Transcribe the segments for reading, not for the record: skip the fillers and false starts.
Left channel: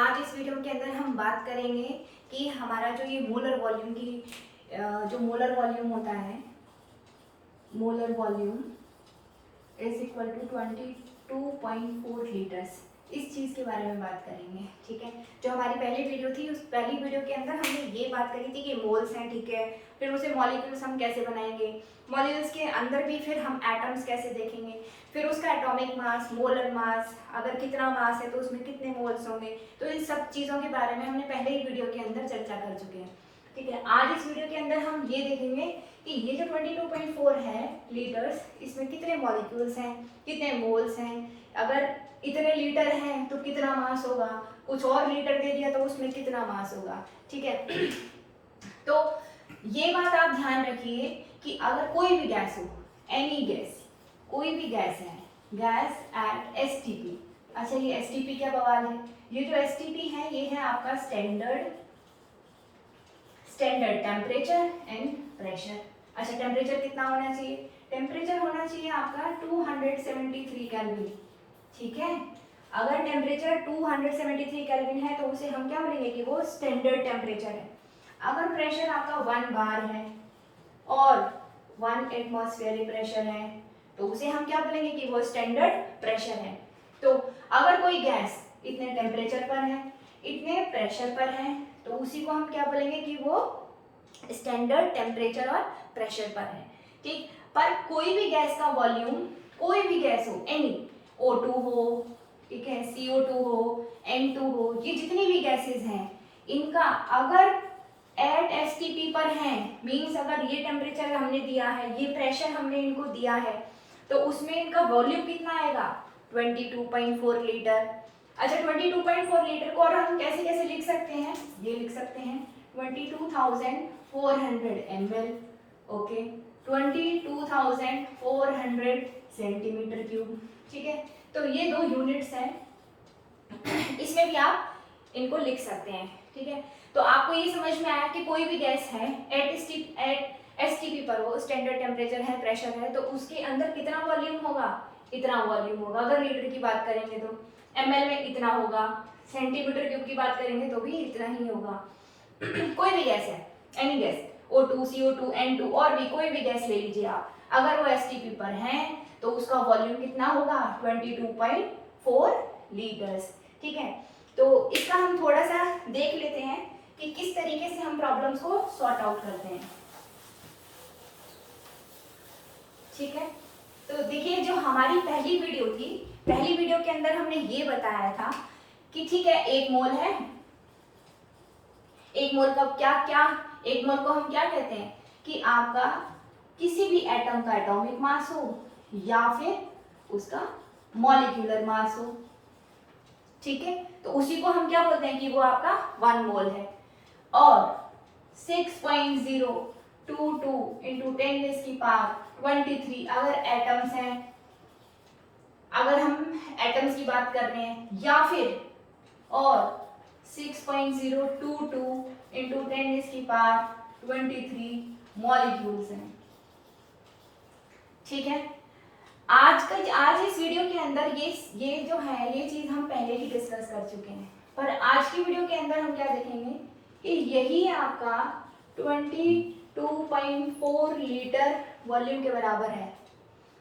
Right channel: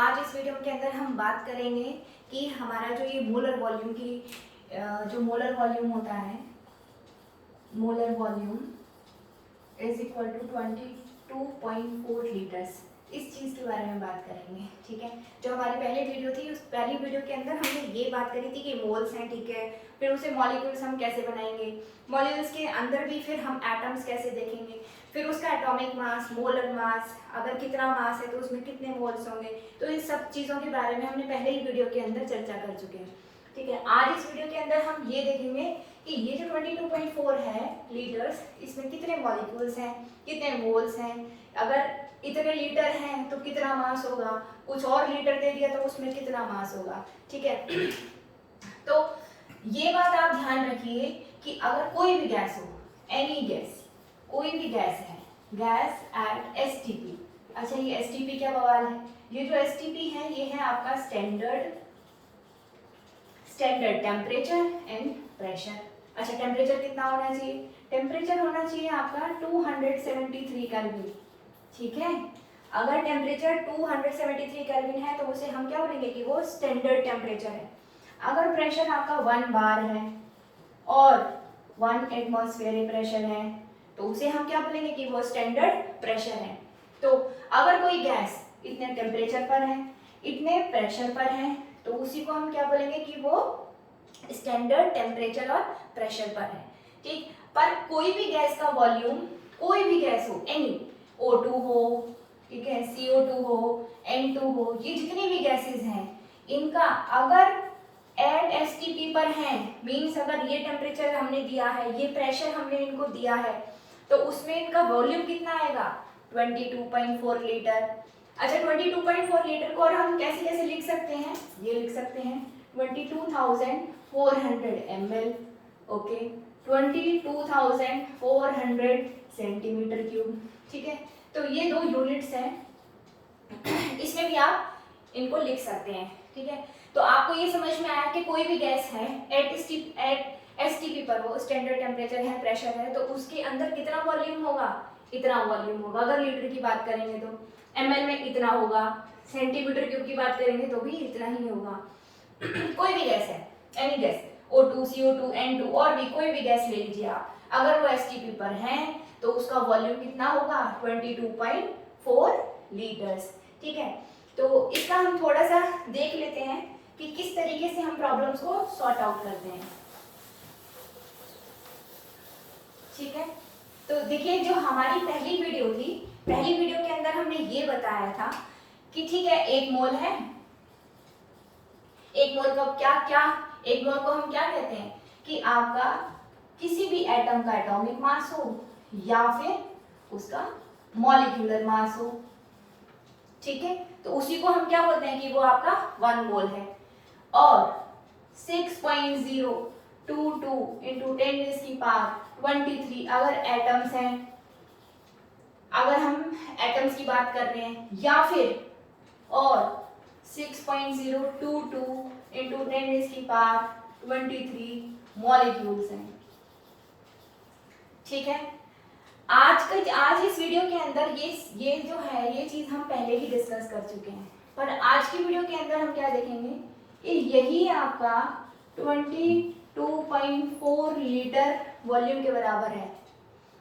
आज इस वीडियो के अंदर हम बात करेंगे कि हमारा जो ये मोलर वॉल्यूम की जो मोलर वॉल्यूम होता है, molar volume is equal to 22.4 litres, इस चीज़ के बारे में बात करेंगे। ठीक है, जो हमारी पहली वीडियो थी उस पहली वीडियो के अंदर हमने ये बात करी थी कि मोल्स हैं, ठीक है, फिर उसे मॉलिक्यूल्स हम कैसे बनाएंगे, मॉलिक्यूल्स के अंदर भी फिर हम एटम्स कैसे देखेंगे, फिर उसका एटॉमिक मास, मोलर मास, अगर कितना मास है तो उसमें कितने मोल्स होंगे। तो इन सब चीज़ों के बारे में हमने पहले ही वीडियो के अंदर चर्चा कर चुके हैं। ठीक है, आज इस वीडियो के अंदर हम ये देखेंगे कि ये जो 22.4 है लीटर्स, इसमें कितने मॉलिक्यूल्स हैं, कितने मोल्स हैं, अगर इतने लीटर हैं तो कितना मास होगा, कुछ और लीटर दे दिया तो उसमें कितना मास होगा। ठीक है, तो ये बात आप ध्यान रखिए कि अगर कोई भी गैस हो, एनी गैस, कोई भी गैस है, गैस एट एसटीपी। अच्छा, ये एसटीपी क्या बवाल है? ये जो एसटीपी है ये है आपका स्टैंडर्ड टेम्परेचर एंड प्रेशर। अच्छा, टेम्परेचर कितना होना चाहिए? टेम्परेचर होना चाहिए आपका 273 केल्विन। ठीक है, अगर टेम्परेचर 273 केल्विन है तो उसे हम क्या बोलेंगे कि वो स्टैंडर्ड टेम्परेचर है। अगर प्रेशर आपका 1 बार है और 1 एटमॉस्फेरिक प्रेशर है तो उसे हम क्या बोलेंगे कि वो स्टैंडर्ड प्रेशर है। तो अगर कोई गैस इतने टेम्परेचर पर है, इतने प्रेशर पर है, तो उसी को हम क्या बोलेंगे कि वो स्टैंडर्ड टेम्परेचर और प्रेशर पर है। ठीक, पर कोई भी गैस का वॉल्यूम, कोई भी गैस हो, एनी, O2 हो, ठीक है, CO2 हो, N2 हो, ये जितनी भी गैसेस हैं, इनका अगर एट एसटीपी पर है, मीन्स अगर ये टेम्परेचर हमने दिया है, ये प्रेशर हमने इनको दिया है, तो उसमें इनका वॉल्यूम कितना आएगा? 22.4 लीटर। अच्छा, 22.4 लीटर को और हम कैसे कैसे लिख सकते हैं? ये लिख सकते हैं 22,400 ml, ओके, 22,400 सेंटीमीटर क्यूब। ठीक है, तो ये दो यूनिट्स हैं, इसमें भी आप इनको लिख सकते हैं। ठीक है, तो आपको ये समझ में आया कि कोई भी गैस है एट एसटीपी पर, वो स्टैंडर्ड टेम्परेचर है, प्रेशर है, तो उसके अंदर कितना वॉल्यूम होगा? इतना वॉल्यूम होगा। अगर लीटर की बात करेंगे तो एमएल में इतना होगा, सेंटीमीटर क्यूब की बात करेंगे तो भी इतना ही होगा। कोई भी गैस है, any gas, O2, CO2, N2 और भी कोई भी गैस ले लीजिए आप, अगर वो एसटीपी पर है तो उसका वॉल्यूम कितना होगा? 22.4 लीटर्स। ठीक है, तो इसका हम थोड़ा सा देख लेते हैं कि किस तरीके से हम प्रॉब्लम्स को सॉर्ट आउट करते हैं। ठीक है, तो देखिए, जो हमारी पहली वीडियो थी, पहली वीडियो के अंदर हमने ये बताया था कि ठीक है, एक मोल है, एक मोल का क्या क्या, एक मोल को हम क्या कहते हैं कि आपका किसी भी एटम का एटॉमिक मास हो या फिर उसका मॉलिक्यूलर मास हो। ठीक है, तो उसी को हम क्या बोलते हैं कि वो आपका 1 मोल है। और 6.022 इंटू 10⁻23 अगर एटम्स हैं, अगर हम एटम्स की बात कर रहे हैं, या फिर और 6.022 इंटू 10⁻23 मॉलिक्यूल्स हैं। ठीक है, आज इस वीडियो के अंदर ये जो है ये चीज हम पहले ही डिस्कस कर चुके हैं, पर आज की वीडियो के अंदर हम क्या देखेंगे कि यही आपका 22.4 लीटर वॉल्यूम के बराबर है।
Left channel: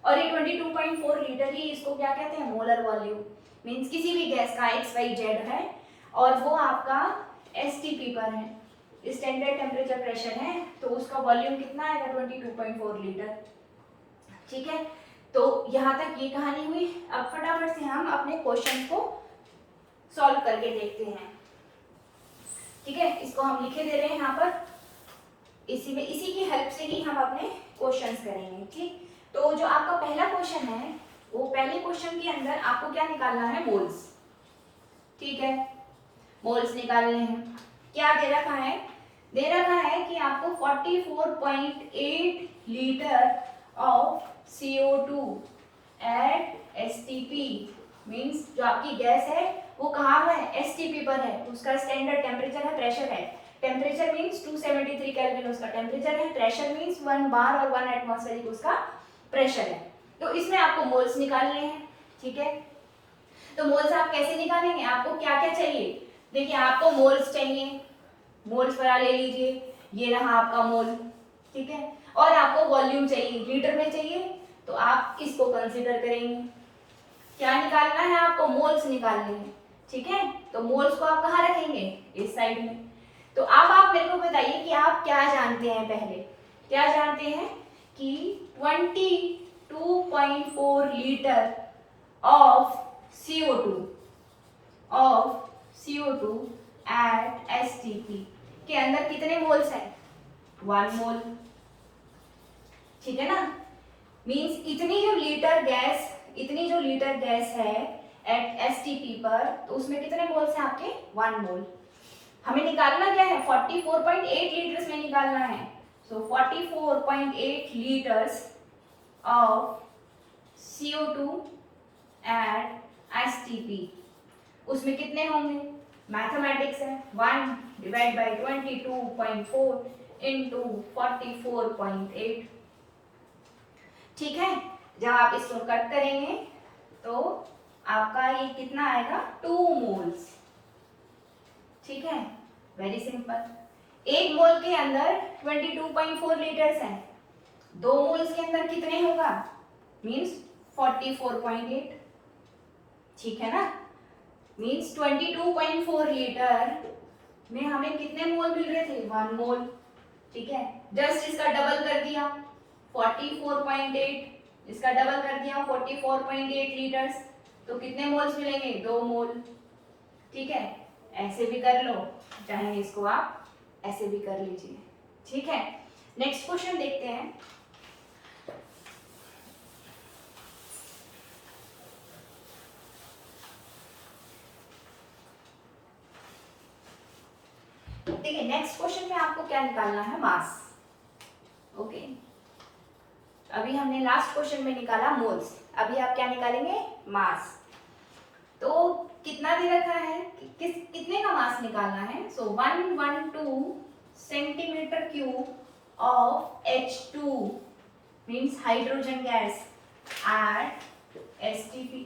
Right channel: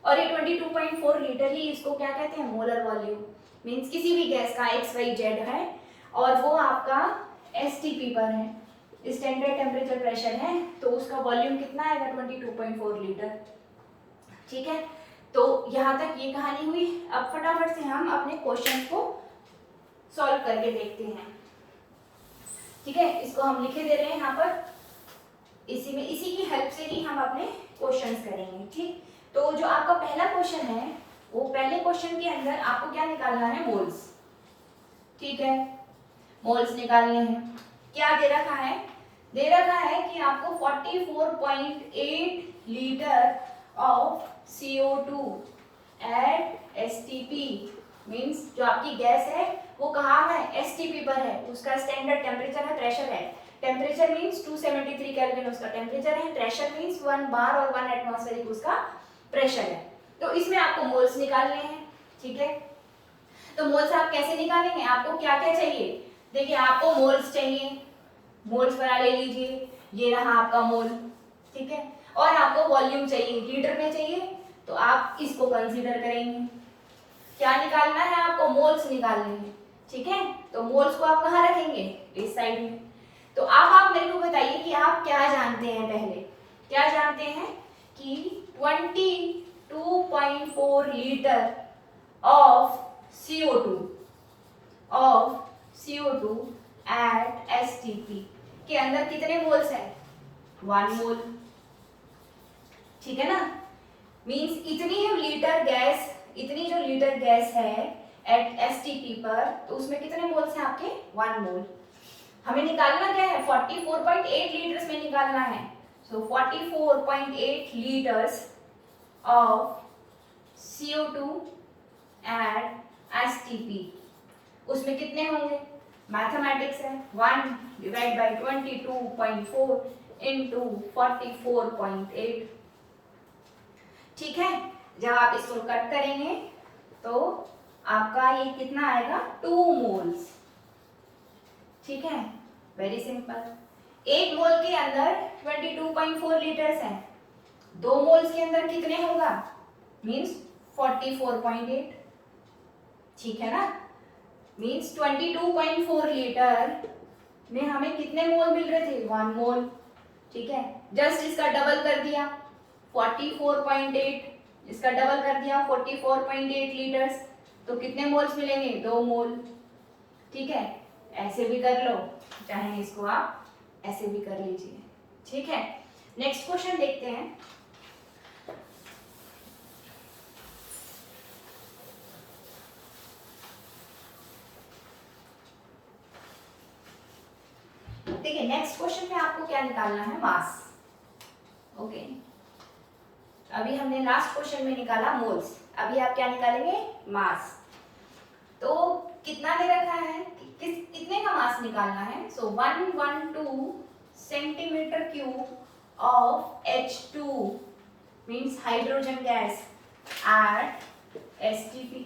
और ये 22.4 लीटर ही इसको क्या कहते हैं? Molar volume. मीन्स किसी भी गैस का XYZ है और वो आपका एसटीपी पर है, स्टैंडर्ड टेम्परेचर प्रेशर है, तो उसका वॉल्यूम कितना आएगा? 22.4 लीटर। ठीक है, तो यहाँ तक ये कहानी हुई। अब फटाफट से हम अपने क्वेश्चन को सॉल्व करके देखते हैं। ठीक है, इसको हम लिखे दे रहे हैं यहाँ पर, इसी की हेल्प से ही हम अपने क्वेश्चंस करेंगे। ठीक, तो जो आपका पहला क्वेश्चन है, वो पहले क्वेश्चन के अंदर आपको क्या निकालना है? मोल्स। ठीक है, मोल्स निकालने हैं। क्या दे रखा है? दे रखा है कि आपको 44.8 litre of CO2 at STP, means जो आपकी गैस है वो कहाँ है? एसटीपी पर है, उसका स्टैंडर्ड टेम्परेचर है, प्रेशर है। टेम्परेचर मीन्स 273 केल्विन उसका टेम्परेचर है, प्रेशर मीन्स 1 बार और 1 एटमॉस्फेरिक उसका प्रेशर है। तो इसमें आपको मोल्स निकालने हैं। ठीक है, तो मोल्स आप कैसे निकालेंगे? आपको क्या क्या चाहिए? देखिए आपको मोल्स चाहिए, मोल्स वाला ले लीजिए, ये रहा आपका मोल, ठीक है। और आपको वॉल्यूम चाहिए, लीटर में चाहिए, तो आप इसको कंसीडर करेंगे। क्या निकालना है आपको? मोल्स निकालने हैं, ठीक है। तो मोल्स को आप कहाँ रखेंगे? इस साइड में। तो अब आप मेरे को बताइए कि आप क्या जानते हैं, पहले क्या जानते हैं कि 22.4 litre of CO2 at STP के अंदर कितने मोल्स हैं? 1 मोल, ठीक है ना। मींस इतनी जो लीटर गैस है एट STP पर, तो उसमें कितने मोल्स हैं आपके? 1 मोल। हमें निकालना क्या है? 44.8 लीटर्स में निकालना है। So 44.8 litres of CO2 at STP, उसमें कितने होंगे? मैथमेटिक्स है, 1 डिवाइड बाई 22.4 इंटू 44.8, ठीक है। जब आप इसको कट करेंगे तो आपका ये कितना आएगा? 2 मोल्स, ठीक है। Very simple. 1 मोल के अंदर 22.4 लीटर्स हैं, 2 मोल्स के अंदर कितने होगा? मीन्स 44.8, ठीक है ना। मीन्स 22.4 लीटर में हमें कितने मोल मिल रहे थे? 1 मोल, ठीक है। जस्ट इसका डबल कर दिया 44.8, इसका डबल कर दिया 44.8 लीटर्स, तो कितने मोल्स मिलेंगे? 2 मोल, ठीक है। ऐसे भी कर लो, चाहे इसको आप ऐसे भी कर लीजिए, ठीक है। नेक्स्ट क्वेश्चन देखते हैं। देखिए नेक्स्ट क्वेश्चन में आपको क्या निकालना है? मास, ओके। अभी हमने लास्ट क्वेश्चन में निकाला मोल्स, अभी आप क्या निकालेंगे? मास। तो कितना दे रखा है, कितने का मास निकालना है? सो 112 centimetre cube of H2 means hydrogen gas at STP।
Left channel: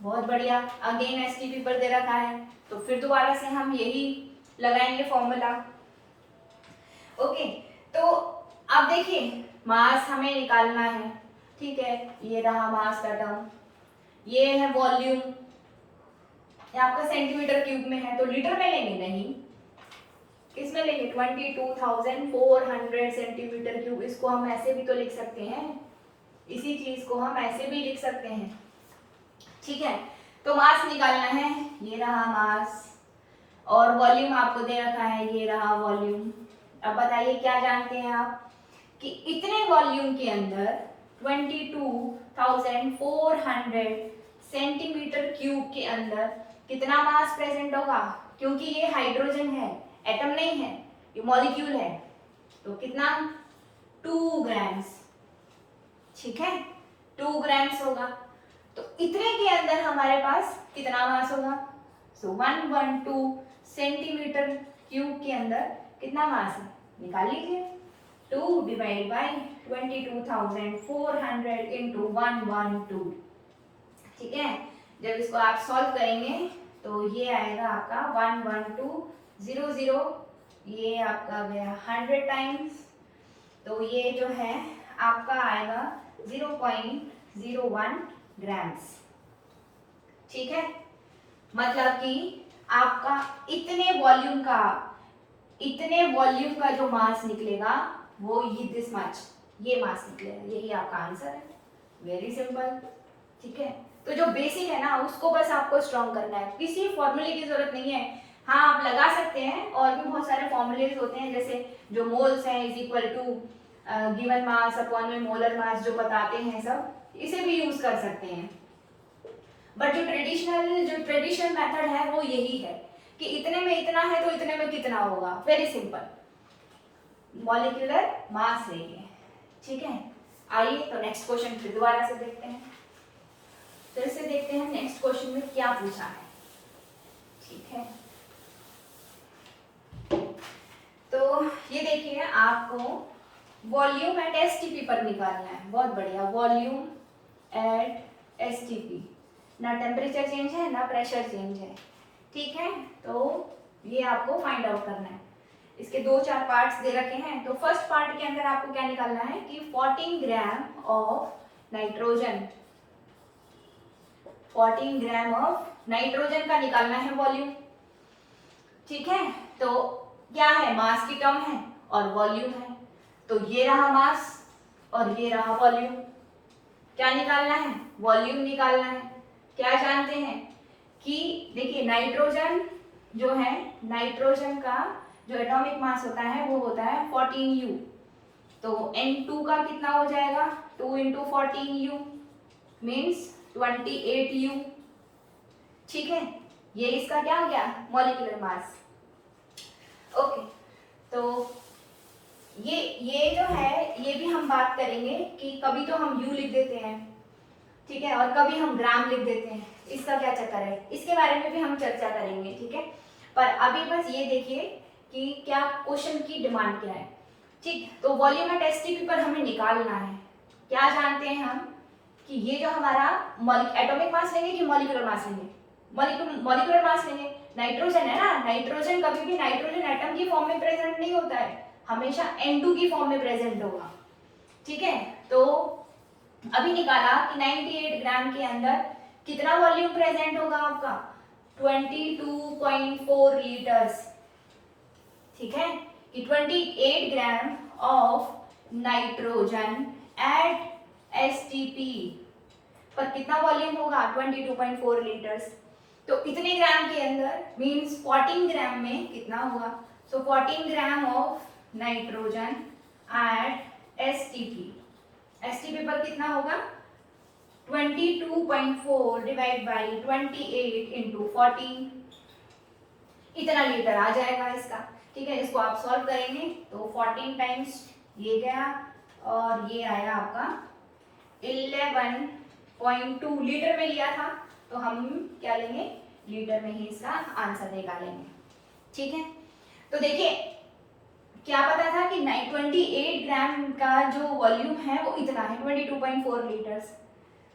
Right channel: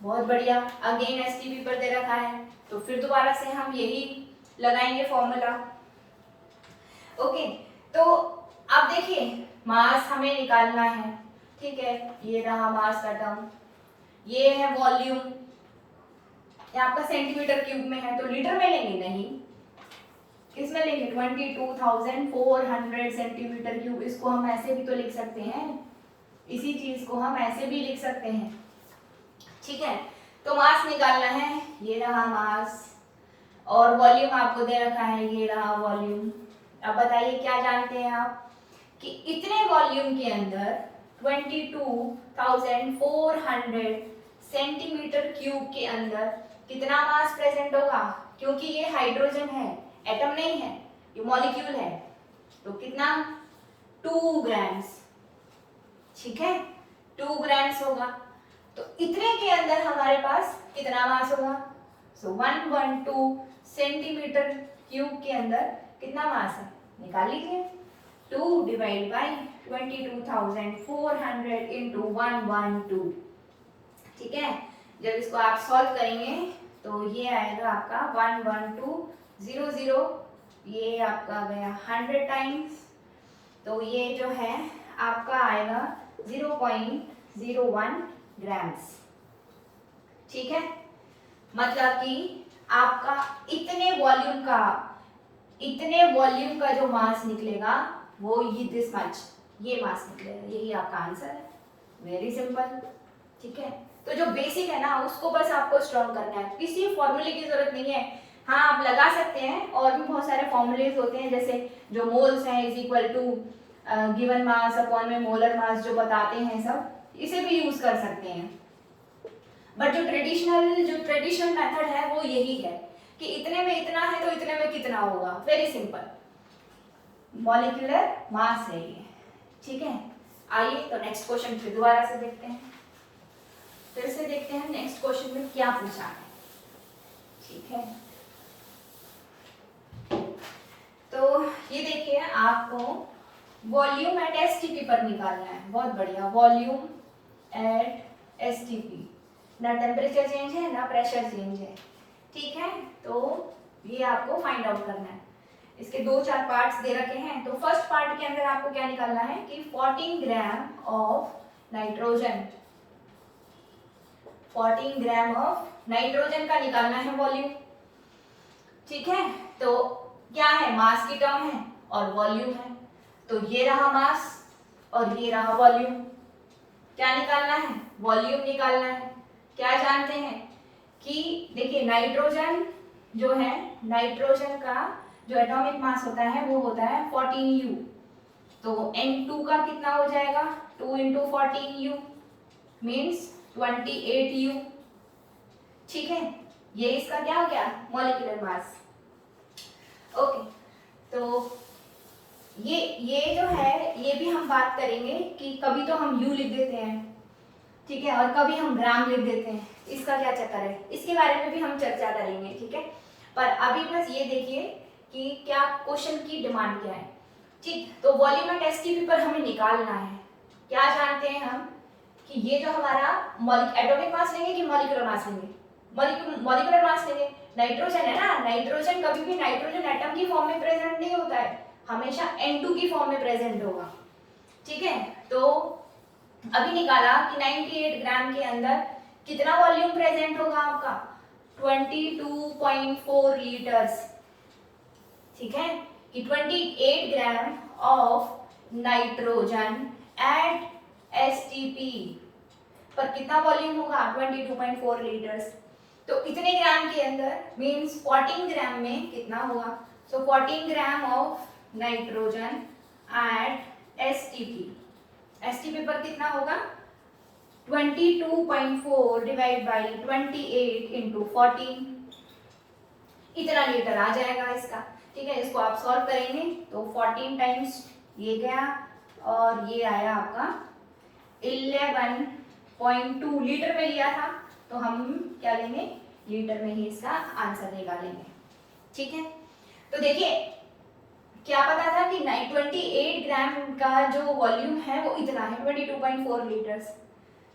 बहुत बढ़िया, अगेन STP पर दे रखा है, तो फिर दोबारा से हम यही लगाएंगे फॉर्मूला, ओके। तो अब देखिए मास हमें निकालना है, ठीक है। ये रहा मास का टर्म, ये है वॉल्यूम, ये आपका सेंटीमीटर क्यूब में है, तो लीटर में लेंगे? नहीं, किसमें लेंगे? 22,400 सेंटीमीटर क्यूब। इसको हम ऐसे भी तो लिख सकते हैं, इसी चीज को हम ऐसे भी लिख सकते हैं, ठीक है। तो मास निकालना है, ये रहा मास, और वॉल्यूम आपको दे रखा है, ये रहा वॉल्यूम। अब बताइए क्या जानते हैं आप कि इतने वॉल्यूम के अंदर 22,400 सेंटीमीटर क्यूब के अंदर कितना मास प्रेजेंट होगा? क्योंकि ये हाइड्रोजन है, एटम नहीं है, ये मॉलिक्यूल है, तो कितना? 2 ग्राम्स, ठीक है। 2 ग्राम्स होगा, तो इतने के अंदर हमारे पास कितना मास होगा? सो 112 सेंटीमीटर क्यूब के अंदर कितना मास है? निकाल लीजिए। 2 डिवाइड बाई 22,400 इंटू 112, ठीक है। जब इसको आप सॉल्व करेंगे तो ये आएगा आपका 11200, ये आपका गया 100 टाइम्स, तो ये जो है आपका आएगा 0.01 ग्राम्स, ठीक है। मतलब कि आपका इतने वॉल्यूम का जो मास निकलेगा वो ये दिस मच, ये मास निकलेगा, यही आपका आंसर है। वेरी सिंपल, ठीक है। तो जो बेसिक है ना उसको बस आपको स्ट्रॉन्ग करना है, किसी फॉर्मूले की जरूरत नहीं है। हाँ आप लगा सकते हैं, और भी बहुत सारे फॉर्मूलेज होते हैं, जैसे जो मोल्स हैं is equal to given mass upon में मोलर मास, जो बताते हैं सब, इसे भी यूज कर सकते हैं। बट जो ट्रेडिशनल मेथड है वो यही है कि इतने में इतना है तो इतने में कितना होगा। वेरी सिंपल, मॉलिक्यूलर मास है ये, ठीक है। आइए तो नेक्स्ट क्वेश्चन फिर दोबारा से देखते हैं, फिर से देखते हैं नेक्स्ट क्वेश्चन में क्या पूछा है, ठीक है। तो ये देखिए आपको वॉल्यूम एट STP पर निकालना है। बहुत बढ़िया, वॉल्यूम एट STP, ना टेम्परेचर चेंज है ना प्रेशर चेंज है, ठीक है, तो ये आपको फाइंड आउट करना है। इसके 2-4 पार्ट्स दे रखे हैं। तो फर्स्ट पार्ट के अंदर आपको क्या निकालना है कि 14 gram of nitrogen, 14 gram of nitrogen का निकालना है वॉल्यूम। ठीक है, तो क्या है, मास की टर्म है और वॉल्यूम है। तो ये रहा मास और ये रहा वॉल्यूम। क्या निकालना है, वॉल्यूम निकालना है। क्या जानते हैं कि देखिए नाइट्रोजन जो है, नाइट्रोजन का जो एटॉमिक मास होता है वो होता है 14U। तो N2 का कितना हो जाएगा, 2 × 14U मीन्स 28U। ठीक है, ये इसका क्या हो गया, मॉलिक्यूलर मास। ओके, तो ये जो है ये भी हम बात करेंगे कि कभी तो हम U लिख देते हैं, ठीक है, और कभी हम ग्राम लिख देते हैं। इसका क्या चक्कर है, इसके बारे में भी हम चर्चा करेंगे। ठीक है, पर अभी बस ये देखिए कि क्या क्वेश्चन की डिमांड क्या है। ठीक, तो वॉल्यूम एट एसटीपी पर हमें निकालना है। क्या जानते हैं हम कि ये जो हमारा एटॉमिक मास लेंगे कि मॉलिक्यूलर मास लेंगे, मॉलिक्यूलर मास लेंगे। नाइट्रोजन है ना, नाइट्रोजन कभी भी नाइट्रोजन एटम की फॉर्म में प्रेजेंट नहीं होता है, हमेशा N2 की फॉर्म में प्रेजेंट होगा। ठीक है, तो अभी निकाला कि 98 ग्राम के अंदर कितना वॉल्यूम प्रेजेंट होगा आपका, 22.4 लीटर्स। ठीक है, कि 28 gram of nitrogen eight STP पर कितना वॉल्यूम होगा, 22.4 लीटर्स। तो इतने ग्राम के अंदर मींस 14 ग्राम में कितना होगा, सो 14 gram of nitrogen eight STP, STP पर कितना होगा, 22.4 डिवाइड बाई 28 × 14, इतना लीटर आ जाएगा इसका। ठीक है, इसको आप सॉल्व करेंगे तो 14 टाइम्स ये गया और ये आया आपका 11.2 लीटर में लिया था, तो हम क्या लेंगे, लीटर में ही इसका आंसर निकालेंगे। ठीक है, तो देखिए क्या पता था कि 28 ग्राम का जो वॉल्यूम है वो इतना है 22.4 लीटर्स।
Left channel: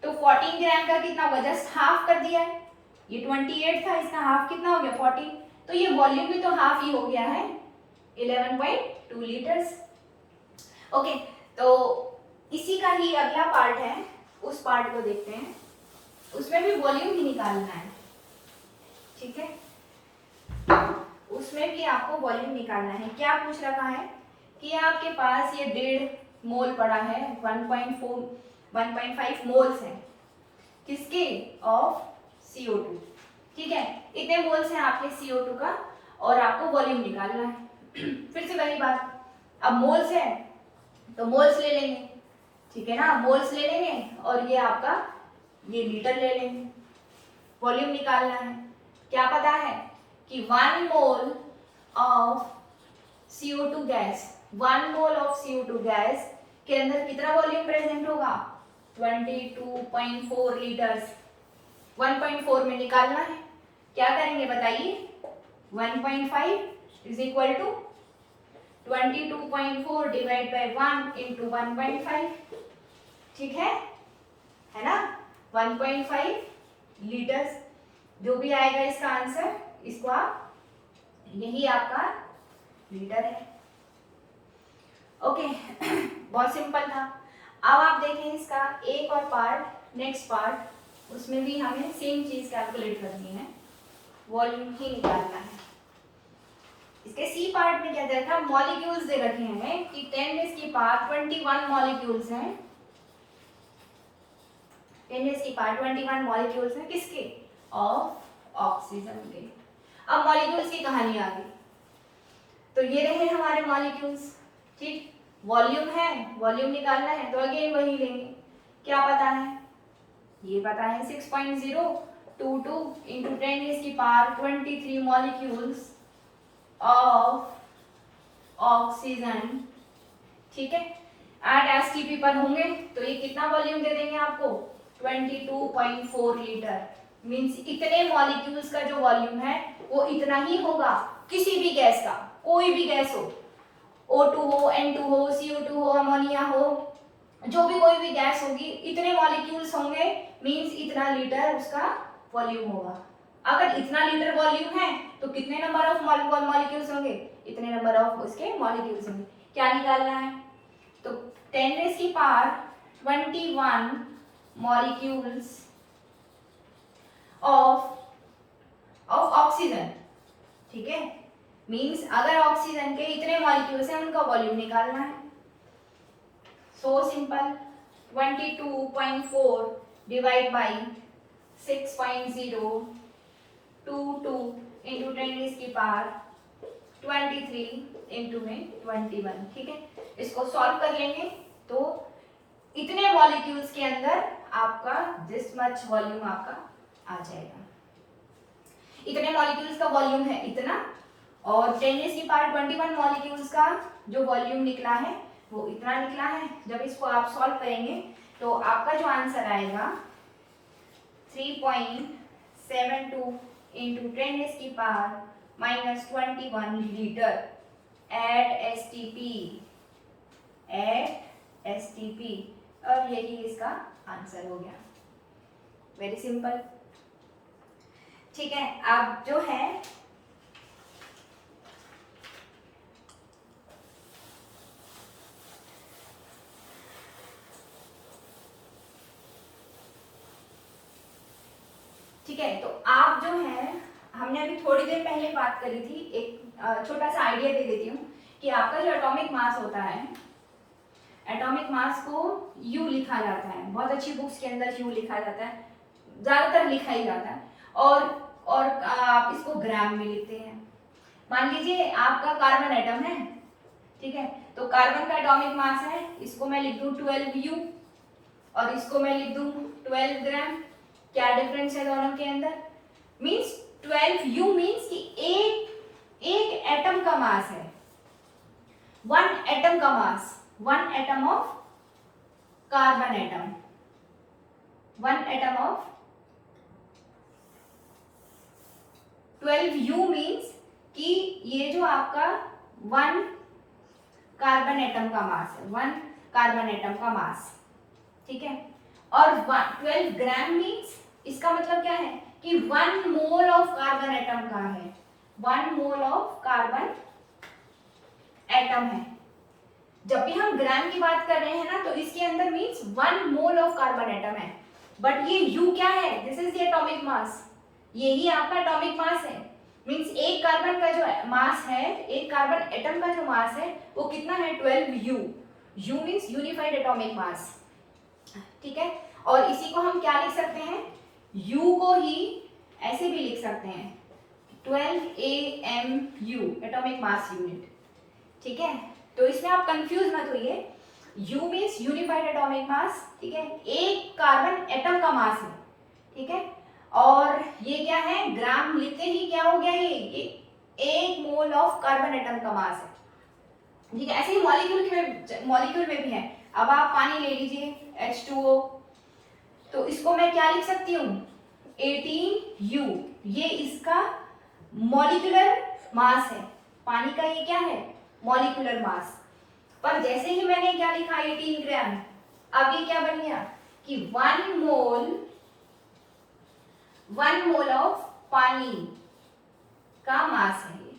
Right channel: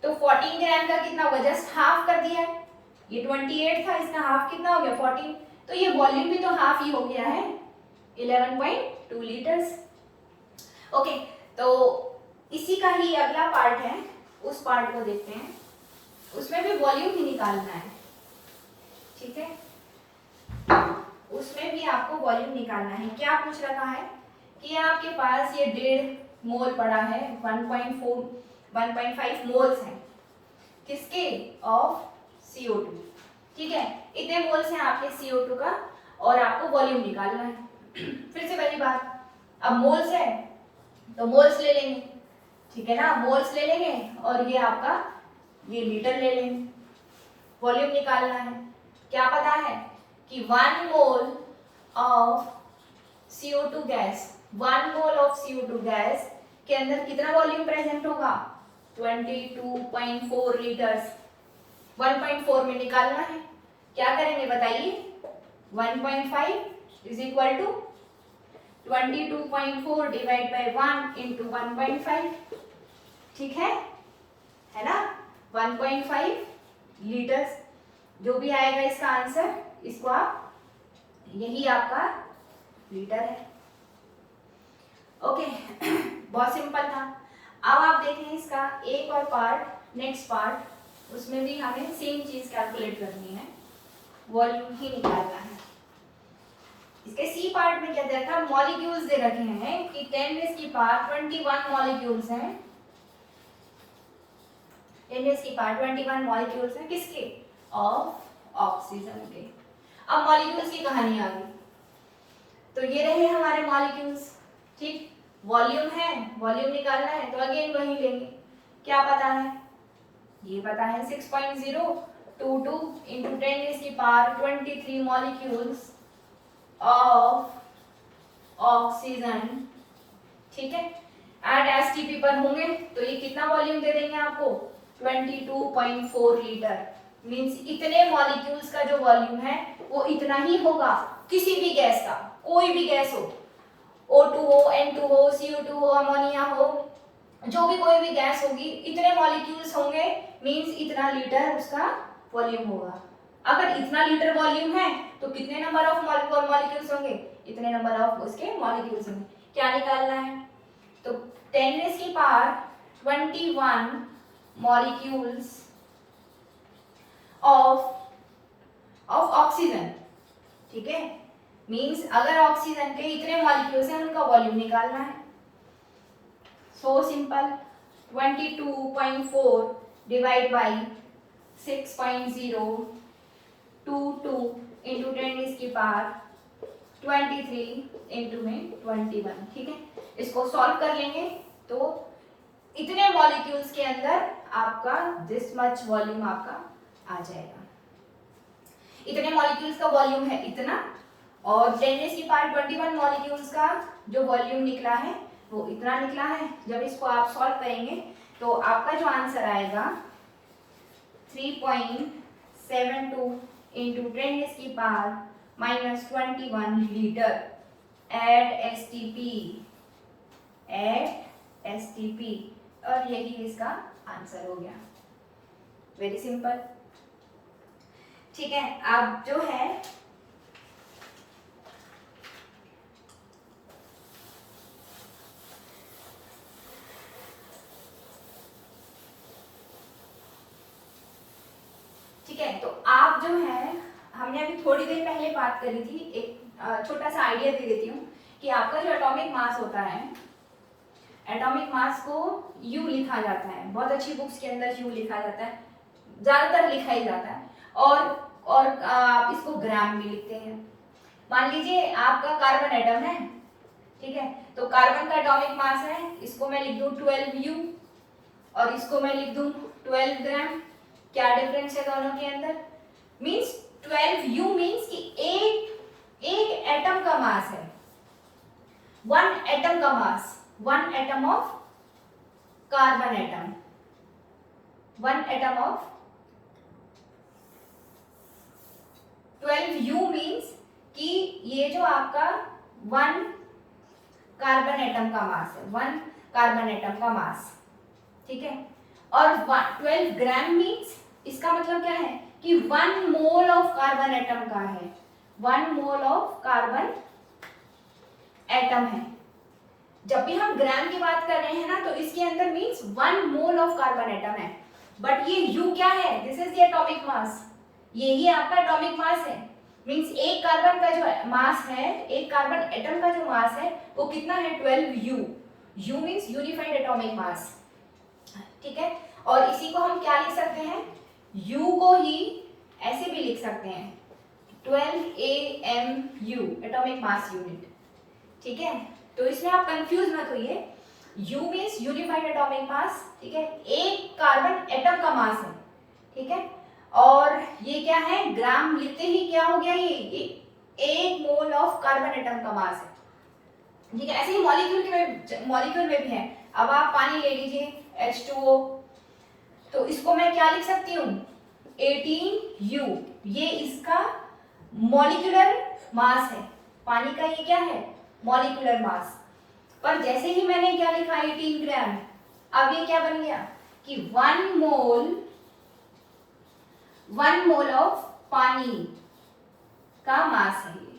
तो 14 ग्राम का कितना होगा, जस्ट हाफ कर दिया है, ये 28 था, इसका हाफ कितना हो गया 14, तो ये वॉल्यूम भी तो हाफ ही हो गया है 11.2 लीटर्स। ओके, तो इसी का ही अगला पार्ट है, उस पार्ट को देखते हैं, उसमें भी वॉल्यूम ही निकालना है। ठीक है, उसमें भी आपको वॉल्यूम निकालना है। क्या पूछ रखा है कि आपके पास ये 1.5 मोल पड़ा है, 1.5 मोल्स है किसके, ऑफ CO2। ठीक है, इतने मोल्स हैं आपके CO2 का और आपको वॉल्यूम निकालना है। फिर से वही बात, अब मोल्स है तो मोल्स ले लेंगे, ठीक है ना, मोल्स ले लेंगे और ये आपका ये लीटर ले लेंगे, वॉल्यूम निकालना है। क्या पता है कि 1 mole of CO2 gas, 1 mole of CO2 gas के अंदर कितना वॉल्यूम प्रेजेंट होगा, 22.4 लीटर्स। 1.4 में निकालना है, क्या करेंगे बताइए, 1.5 is equal to 22.4 divide by 1 into 1.5। ठीक है ना, 1.5 लीटर्स जो भी आएगा इसका आंसर, इसको आप, यही आपका लीटर है। ओके, बहुत सिंपल था। अब आप देखें इसका एक और पार्ट, नेक्स्ट पार्ट, उसमें भी हमें सेम चीज कैलकुलेट करनी है, वॉल्यूम ही निकालना है। इसके सी पार्ट में क्या दे रखा है, मॉलिक्यूल्स दे रखे हैं कि 10⁻21 मॉलिक्यूल्स हैं, 10⁻21 मॉलिक्यूल्स हैं किसके, ऑफ ऑक्सीजन के। अब मॉलिक्यूल्स की कहानी आ गई, तो ये रहे हमारे मॉलिक्यूल्स। ठीक, वॉल्यूम है, वॉल्यूम निकालना है तो अगेन वही लेंगे। क्या पता है, ये पता है 6.022 इंटू 10⁻23 मॉलिक्यूल्स ऑफ ऑक्सीजन। ठीक है, एट एसटीपी पर होंगे तो ये कितना वॉल्यूम दे देंगे आपको, 22.4 लीटर। मींस इतने मॉलिक्यूल्स का जो वॉल्यूम है वो इतना ही होगा, किसी भी गैस का, कोई भी गैस हो, O2 हो, N2 हो, CO2 हो, अमोनिया हो, जो भी कोई भी गैस होगी, इतने मॉलिक्यूल्स होंगे मींस इतना लीटर उसका वॉल्यूम होगा। अगर इतना लीटर वॉल्यूम है तो कितने नंबर ऑफ मॉलिक्यूल्स होंगे, इतने नंबर ऑफ उसके मॉलिक्यूल्स होंगे। क्या निकालना है, तो 10⁻21 मॉलिक्यूल्स ऑफ ऑक्सीजन, ठीक है। मींस अगर ऑक्सीजन के इतने मॉलिक्यूल्स हैं उनका वॉल्यूम निकालना है। So simple, 22.4 divide by 6.022 into 10⁻23 into में 21, ठीक है। इसको सॉल्व कर लेंगे तो इतने मॉलिक्यूल्स के अंदर आपका दिस मच वॉल्यूम आपका आ जाएगा। इतने मॉलिक्यूल्स का वॉल्यूम है इतना, और 10⁻21 मॉलिक्यूल्स का जो वॉल्यूम निकला है वो इतना निकला है। जब इसको आप सॉल्व करेंगे तो आपका जो आंसर आएगा 3.72 इंटू 10⁻21 लीटर एट एसटीपी, और यही इसका आंसर हो गया। वेरी सिंपल, ठीक है। अब जो है ठीक है, तो आप जो है, हमने अभी थोड़ी देर पहले बात करी थी, एक छोटा सा आइडिया दे देती हूँ कि आपका जो एटॉमिक मास होता है, एटॉमिक मास को यू लिखा जाता है, बहुत अच्छी बुक्स के अंदर यू लिखा जाता है, ज्यादातर लिखा ही जाता है, और आप इसको ग्राम भी लिखते हैं। मान लीजिए आपका कार्बन एटम है, ठीक है, तो कार्बन का एटॉमिक मास है, इसको मैं लिख दूं 12U और इसको मैं लिख दूं 12 ग्राम। क्या डिफरेंस है दोनों के अंदर, मींस 12U मींस कि एक एटम का मास है, वन एटम का mass, one atom of carbon atom, one atom of 12U means कि ये जो आपका वन कार्बन एटम का मास है, वन कार्बन एटम का मास, ठीक है। और 12 ग्राम मींस इसका मतलब क्या है कि 1 मोल ऑफ कार्बन एटम का है, 1 मोल ऑफ कार्बन एटम है। जब भी हम ग्राम की बात कर रहे हैं ना, तो इसके अंदर means 1 mole of carbon atom है, बट ये U क्या है, this is the atomic mass, यही आपका एटॉमिक मास है। मींस एक कार्बन का जो मास है, एक कार्बन एटम का जो मास है वो कितना है, 12U। U means unified atomic mass, ठीक है। और इसी को हम क्या लिख सकते हैं, U को ही ऐसे भी लिख सकते हैं 12AMU, एटॉमिक मास यूनिट, ठीक है। तो इसमें आप कंफ्यूज मत होइए, U means unified atomic mass, ठीक है, एक कार्बन एटम का मास है, ठीक है। और ये क्या है, ग्राम लिखते ही क्या हो गया, ये 1 मोल ऑफ कार्बन एटम का मास है, ठीक है। ऐसे ही मॉलिक्यूल में भी है। अब आप पानी ले लीजिए H2O, तो इसको मैं क्या लिख सकती हूँ, 18U, ये इसका मॉलिक्यूलर मास है, पानी का ये क्या है, मॉलिक्यूलर मास। पर जैसे ही मैंने क्या लिखा 18 ग्राम, अब ये क्या बन गया कि 1 मोल ऑफ पानी का मास है ये,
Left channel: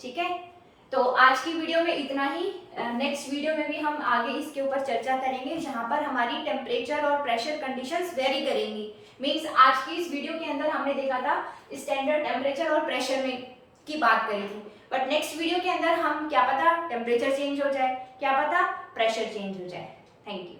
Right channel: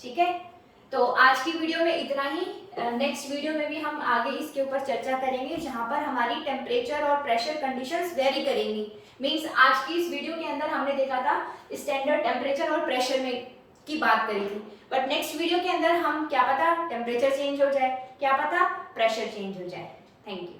ठीक है। तो आज की वीडियो में इतना ही। नेक्स्ट वीडियो में भी हम आगे इसके ऊपर चर्चा करेंगे, जहां पर हमारी टेम्परेचर और प्रेशर कंडीशंस वेरी करेंगी। मींस आज की इस वीडियो के अंदर हमने देखा था स्टैंडर्ड टेम्परेचर और प्रेशर में की बात करी थी, बट नेक्स्ट वीडियो के अंदर हम क्या पता टेम्परेचर चेंज हो जाए, क्या पता प्रेशर चेंज हो जाए। Thank you.